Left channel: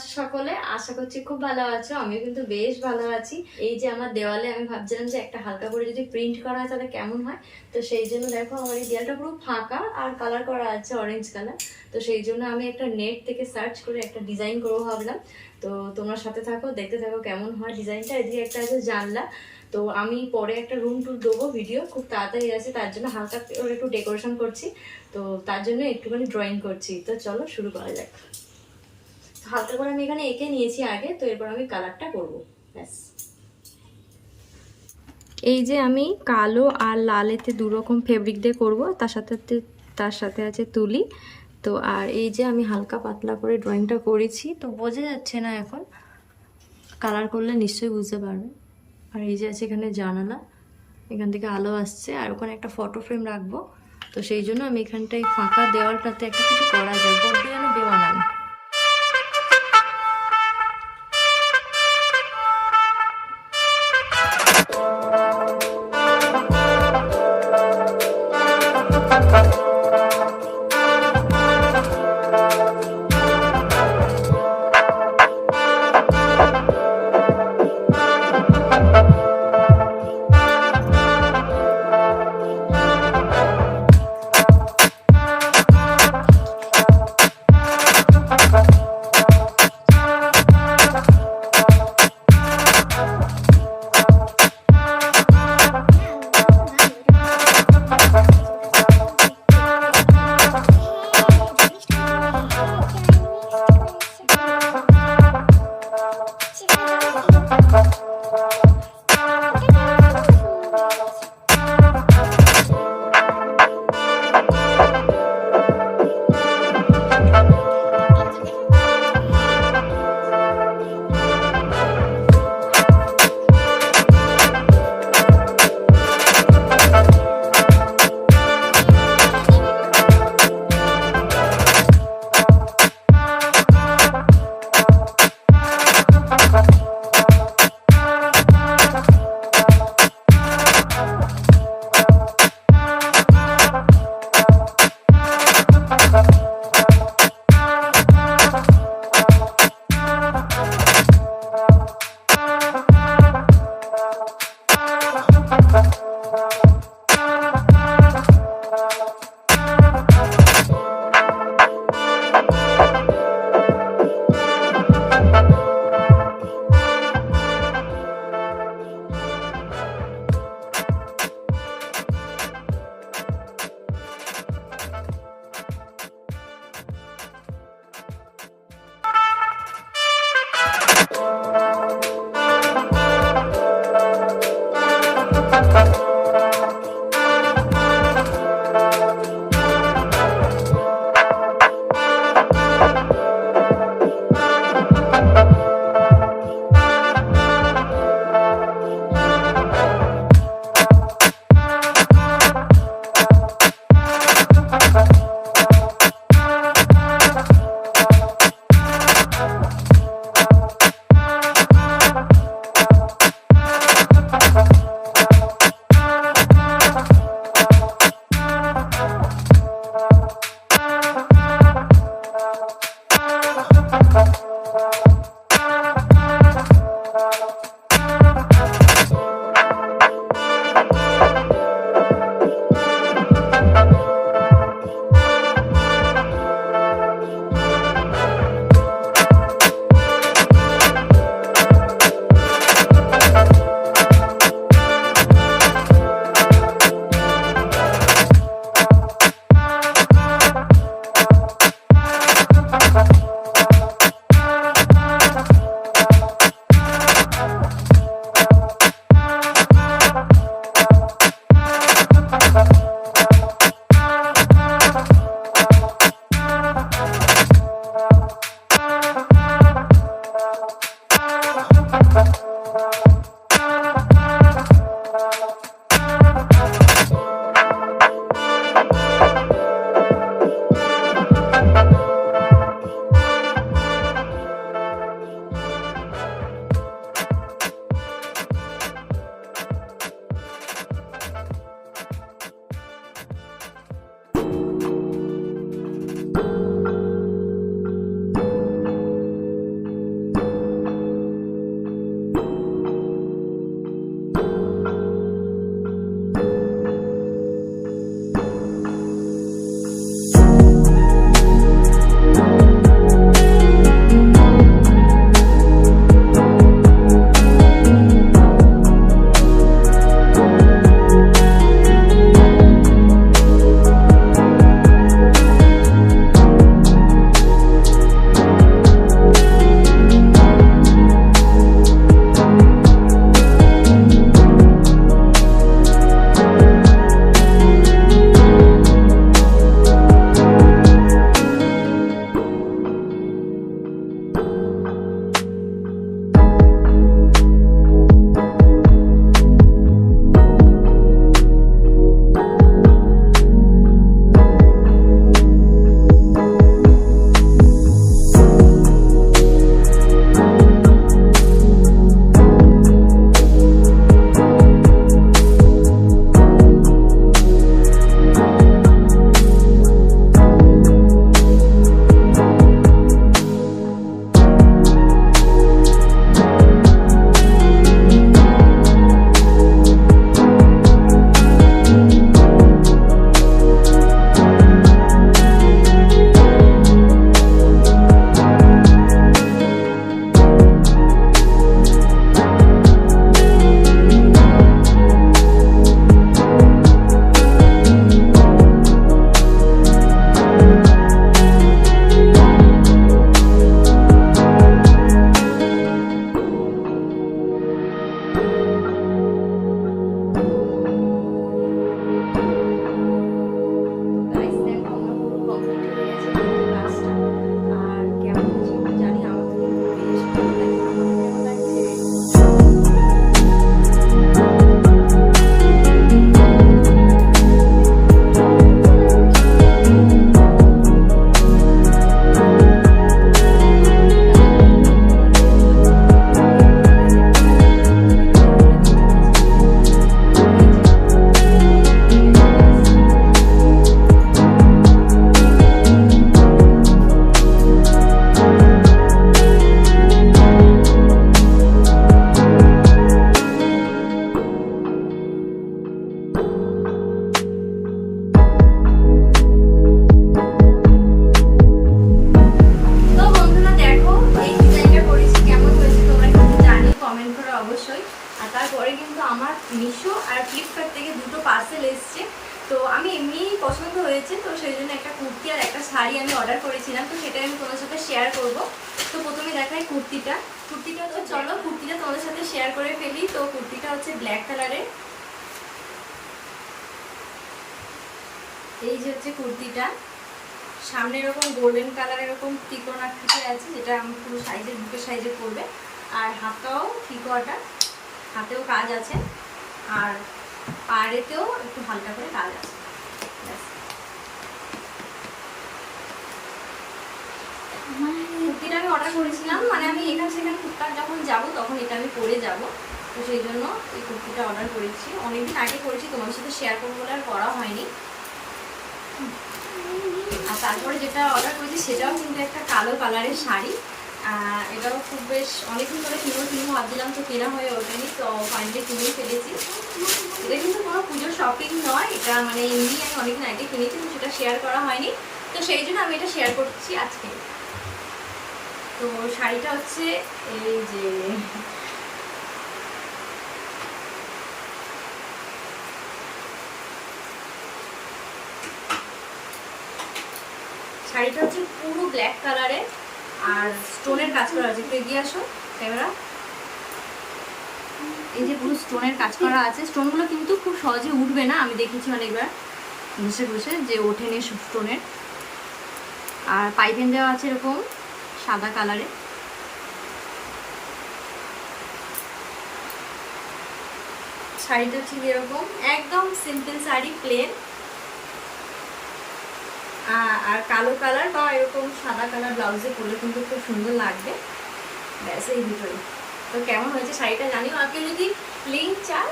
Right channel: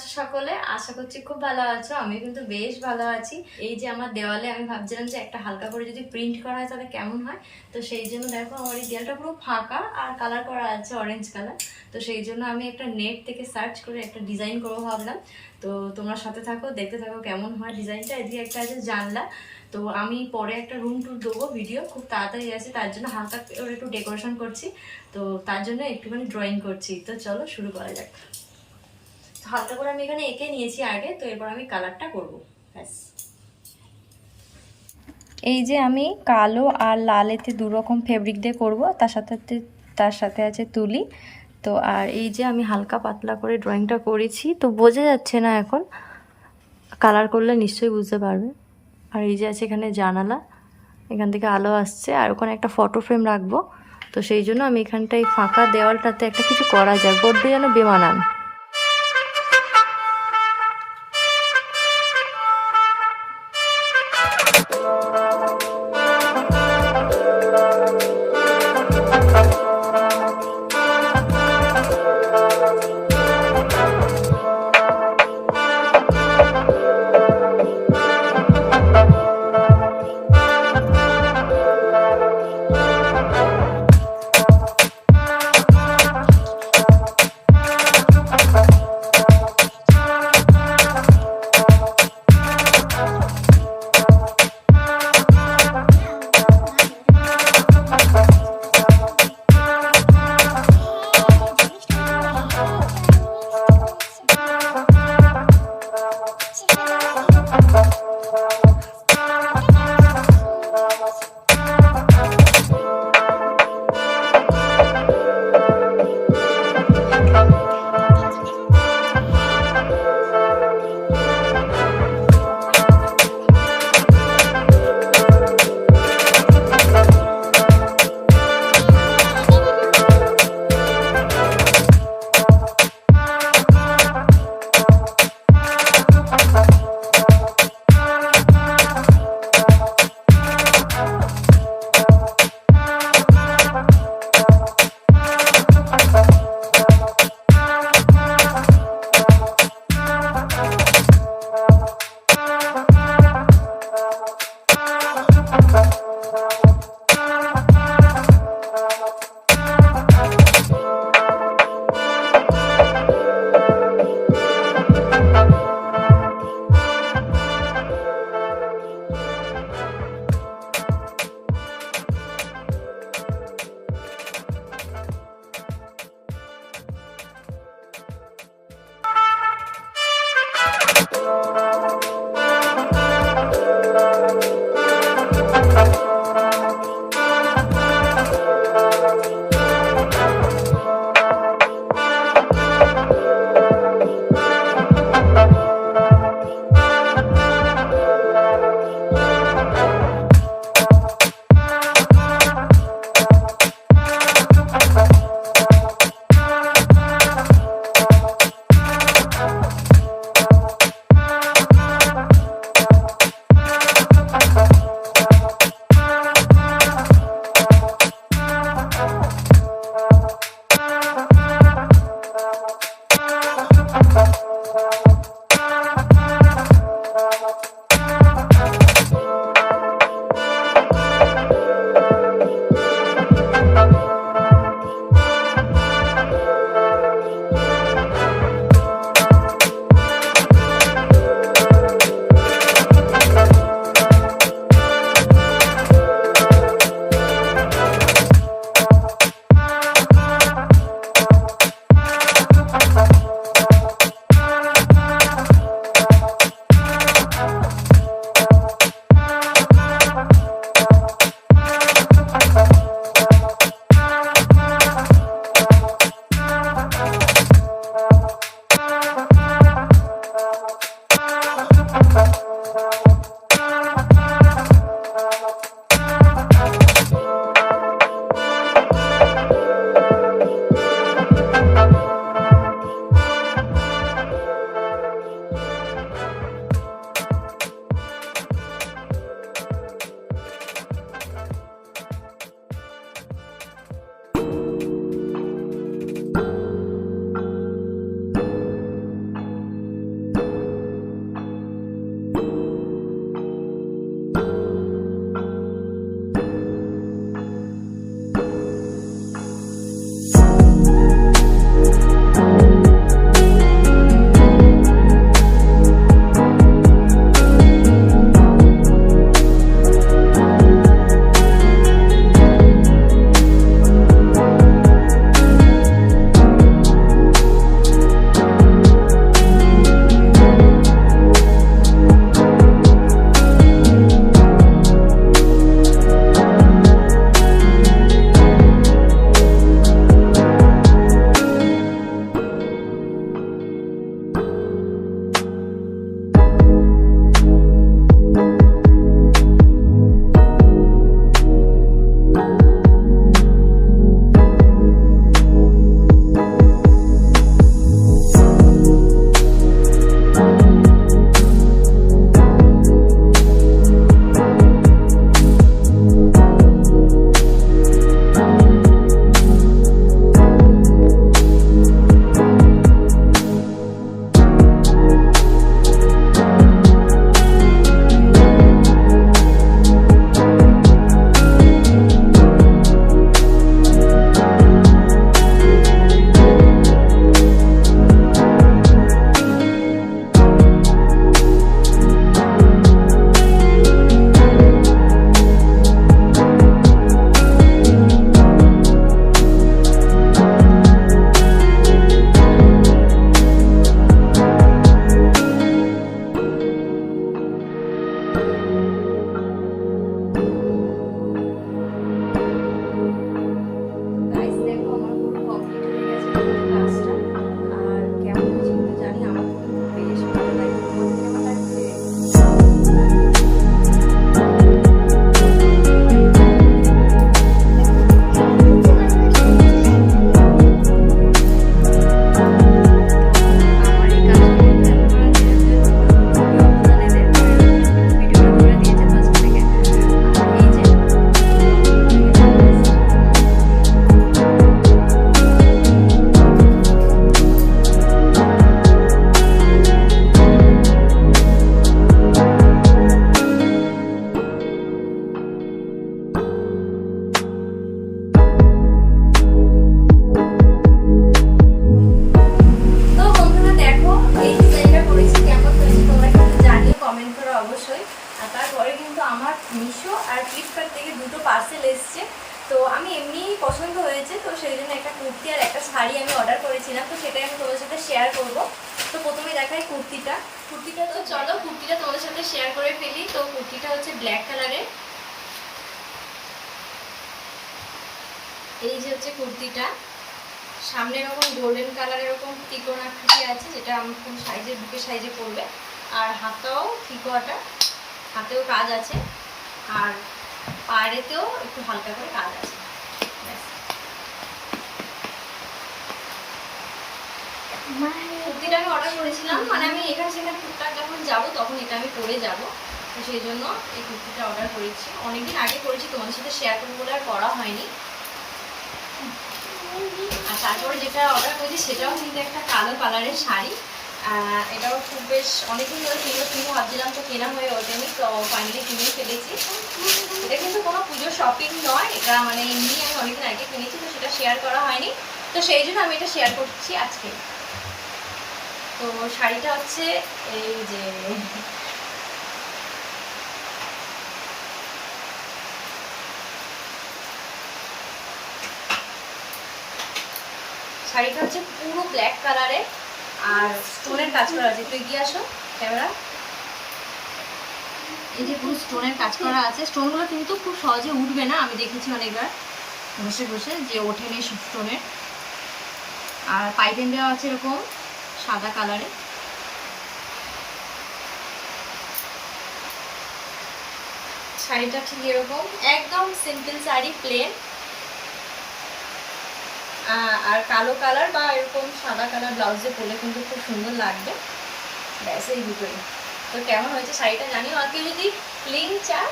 আছো সকলে? আশা করছি খুব ভালো আছো আমি কিন্তু বেশ ভালো আছি। এই যে আমার দেওয়ালে আমি ভাবছিলাম যে একটা হালকা করে যদি প্রিন্ট করা হয় তাহলে কেমন হয়? তো সেই জন্য দেখো আমার এই দেওয়ালটা পুরো ফাঁকা আর কালার করা আছে অরেঞ্জ কালার তো সেই জন্য আমি একটা নেট থেকে সার্চ করে একটা ডিজাইন করব ভাবলাম। তো তোমরা সাথে থাকো, দেখতে থাকো কেমন হয় ডিজাইনটা এদিকে একটা আছে জানলা। তো আমি পরে একটা রুম টুর দেবো ভিডিও খুব তাড়াতাড়ি আছে, তার জন্য হালকা একটু ডেকোরেশন করছি। তো তার জন্য একটুখানি ড্রয়িং করছি। তো চলো শুরু করা যাক। হালকা করে আমি এখানে এঁকে নিয়েছি আগে, তো এরপর আমি কালারটা করব। ব্যাস। এই যে আমি কালো আর লালেতে দু রকম ফেব্রিক দিয়ে করব, তার সাথে তার সাথে আছে তুলি। তো আর এই যে আমি হালকা পাতলা করে ড্রয়িংটা করেছি, তো বোঝা যাচ্ছে না এখন। কালার করলে নিশ্চয়ই বুঝতে পারবে। আর এই যে আছে এখানে জানালা, এখান থেকে আলো আসছে, আর ওখানে একটা ফটো ফ্রেম রাখব। তো সেই জন্য আমি এখানটায় ফাঁকা দেওয়ালটাতে একটা কিছু করা যায় বড্ড যেন বেমানান। তো আমি এমনি পছন্দ হয়েছে, তো সেই জন্য একটা কুর্তি আর একটা শাড়ি আমি অর্ডার করেছিলাম, তো সেটাই আমি তোমাদের সাথে শেয়ার করব। তো প্রথমে দেখাই কুর্তিটা। কুর্তিটা তো চলো কুর্তিটা তোমাদের সাথে শেয়ার করে ফেলি, তো কুর্তিটা হচ্ছে ব্ল্যাক কালারের এই যে হচ্ছে কুর্তিটা, সামনে এরকম গোল্ডেন কালার এরকম ত্রিকোণ আকৃতি আছে, যেটা আমি পুরো সাইজে, বুকের সাইজে পড়বে। আর হাতাও ঠিকোয়াটা হাতেও কাজ আছে, আর পায়েতেও একটু হালকা করে কাজ আছে। কুর্তিটা আমি অর্ডার করেছিলাম মানে আমি এখানে সেখানে টুকটাক যখন যাব তখন এটা আমি পরে যাব। তো সেই জন্য এই কুর্তিটা অর্ডার করেছি। অনেকদিন আগে করেছি, তোমাদের সাথে শেয়ার করব বলে আর করা হয়নি। আর তারপরে যেটা অর্ডার করেছি সেটাও কিন্তু একটা কালো কালারের শাড়ি। এটাও খুব বেশ অনেকদিন ধরে কিনো কিনো ভাবছিলাম তো কেনা হয়ে ওঠেনি, তো ফাইনালি কিনেই ফেলেছি। এটা কিন্তু কোনো পুজোর শপিং নয়, এটা মানে এমনি আমি অনেকদিন আগে কিনেছি, তো সেটা শেয়ার করা হয়নি। তো সেই জন্য আমি এটা শেয়ার করছি আজকে। তো শাড়িটা হচ্ছে এই যে শাড়িটা হচ্ছে পুরো ব্ল্যাক কালারে আর স্টোনের কাজ করা আছে। একটু এগিয়ে আসো ক্যামেরা এই যে পুরো স্টোনের কাজ করা আছে। স্টোনগুলো কিন্তু খুব সহজে উঠবে না আমি দেখেছি অনেকবার। বসে বসে যে ওঠেনি স্টোনের আর পাইপিং দেওয়া আছে এরকম সাদা কালারে শাড়িটা ঠিক এরকম। একদম সিম্পল শাড়ি প্লেন আর কালো কালার বা এরকম সাদা কালার ব্লাউজে পরলে কিন্তু খুব সুন্দর লাগবে। ব্যাস, এই দুটোই। তো কেমন হয়েছে শাড়িটা জানিও? আর কেউ যদি লিঙ্ক চায়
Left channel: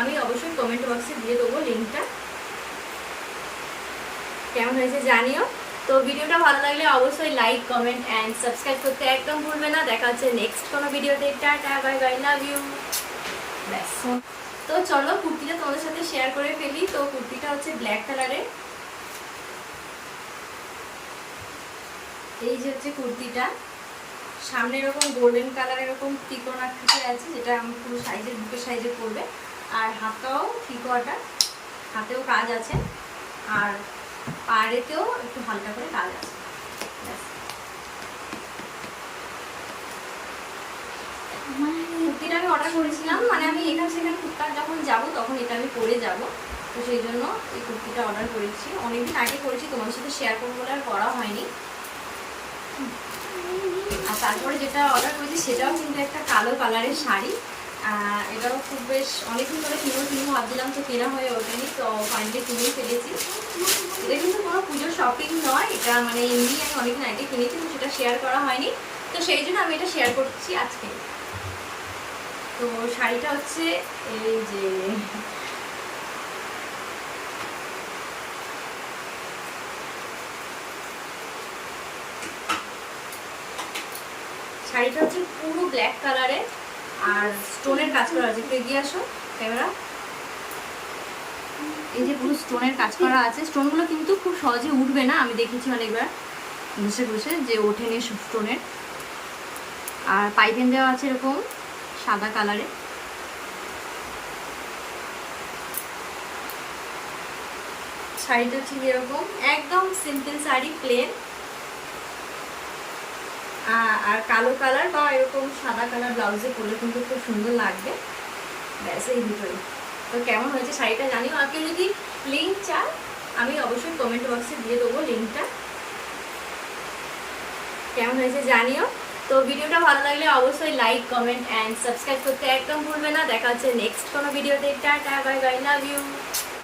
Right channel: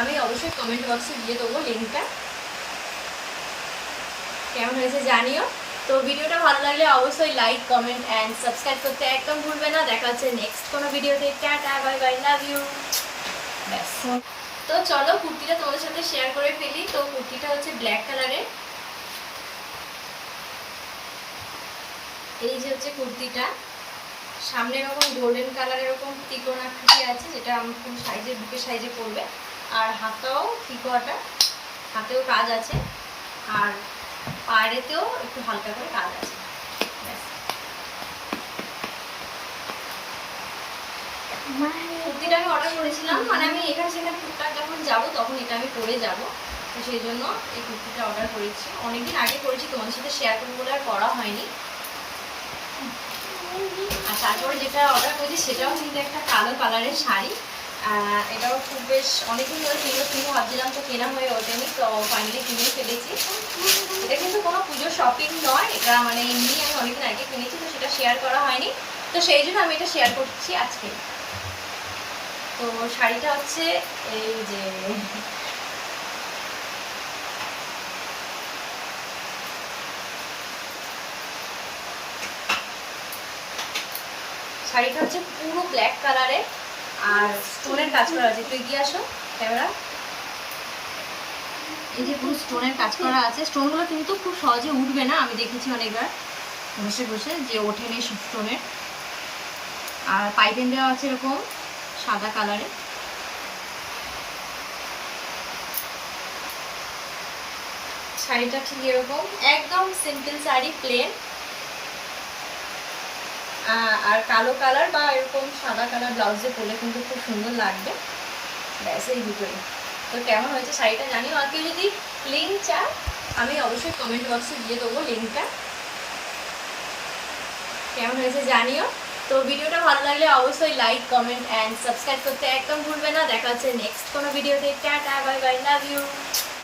আমি অবশ্যই কমেন্ট বক্সে দিয়ে দেবো লিঙ্কটা কেমন হয়েছে জানিও? তো ভিডিওটা ভালো লাগলে অবশ্যই লাইক কমেন্ট অ্যান্ড সাবস্ক্রাইব করতে একদম ভুলবে না। দেখা হচ্ছে নেক্সট কোনো ভিডিওতে। Tata bye bye love you ব্যাস। তো চলো কুর্তিটা তোমাদের সাথে শেয়ার করে ফেলি। তো কুর্তিটা হচ্ছে ব্ল্যাক কালারের এই যে হচ্ছে কুর্তিটা, সামনে এরকম গোল্ডেন কালার এরকম ত্রিকোণ আকৃতি আছে, যেটা আমি পুরো সাইজে বুকের সাইজে পড়বে আর হাতাও ঠিকোয়াটা হাতেও কাজ আছে, আর পায়েতেও একটু হালকা করে কাজ আছে। কুর্তিটা আমি অর্ডার করেছিলাম মানে আমি এখানে সেখানে টুকটাক যখন যাব, তখন এটা আমি পরে যাব। তো সেই জন্য এই কুর্তিটা অর্ডার করেছি। অনেকদিন আগে করেছি, তোমাদের সাথে শেয়ার করব বলে আর করা হয়নি। আর তারপরে যেটা অর্ডার করেছি সেটাও কিন্তু একটা কালো কালারের শাড়ি। এটাও খুব বেশ অনেকদিন ধরে কিনো কিনো ভাবছিলাম তো কেনা হয়ে ওঠেনি, তো ফাইনালি কিনেই ফেলেছি। এটা কিন্তু কোনো পুজোর শপিং নয়, এটা মানে এমনি আমি অনেকদিন আগে কিনেছি, তো সেটা শেয়ার করা হয়নি। তো সেই জন্য আমি এটা শেয়ার করছি আজকে। তো শাড়িটা হচ্ছে এই যে শাড়িটা হচ্ছে পুরো ব্ল্যাক কালারে আর স্টোনের কাজ করা আছে। একটু এগিয়ে আসো, ক্যামেরা। এই যে পুরো স্টোনের কাজ করা আছে। স্টোনগুলো কিন্তু খুব সহজে উঠবে না, আমি দেখেছি অনেকবার বসে বসে, যে ওঠেনি স্টোনের আর পাইপিং দেওয়া আছে এরকম, সাদা কালারে শাড়িটা ঠিক এরকম, একদম সিম্পল শাড়ি প্লেন আর কালো কালার বা এরকম সাদা কালার ব্লাউজে পরলে কিন্তু খুব সুন্দর লাগবে। ব্যাস, এই দুটোই। তো কেমন হয়েছে শাড়িটা জানিও? আর কেউ যদি লিঙ্ক চায়, আমি অবশ্যই কমেন্ট বক্সে দিয়ে দেবো লিঙ্কটা কেমন হয়েছে জানিও? তো ভিডিওটা ভালো লাগলে অবশ্যই লাইক কমেন্ট অ্যান্ড সাবস্ক্রাইব করতে একদম ভুলবে না। দেখা হচ্ছে নেক্সট কোনো ভিডিওতে tata bye bye love you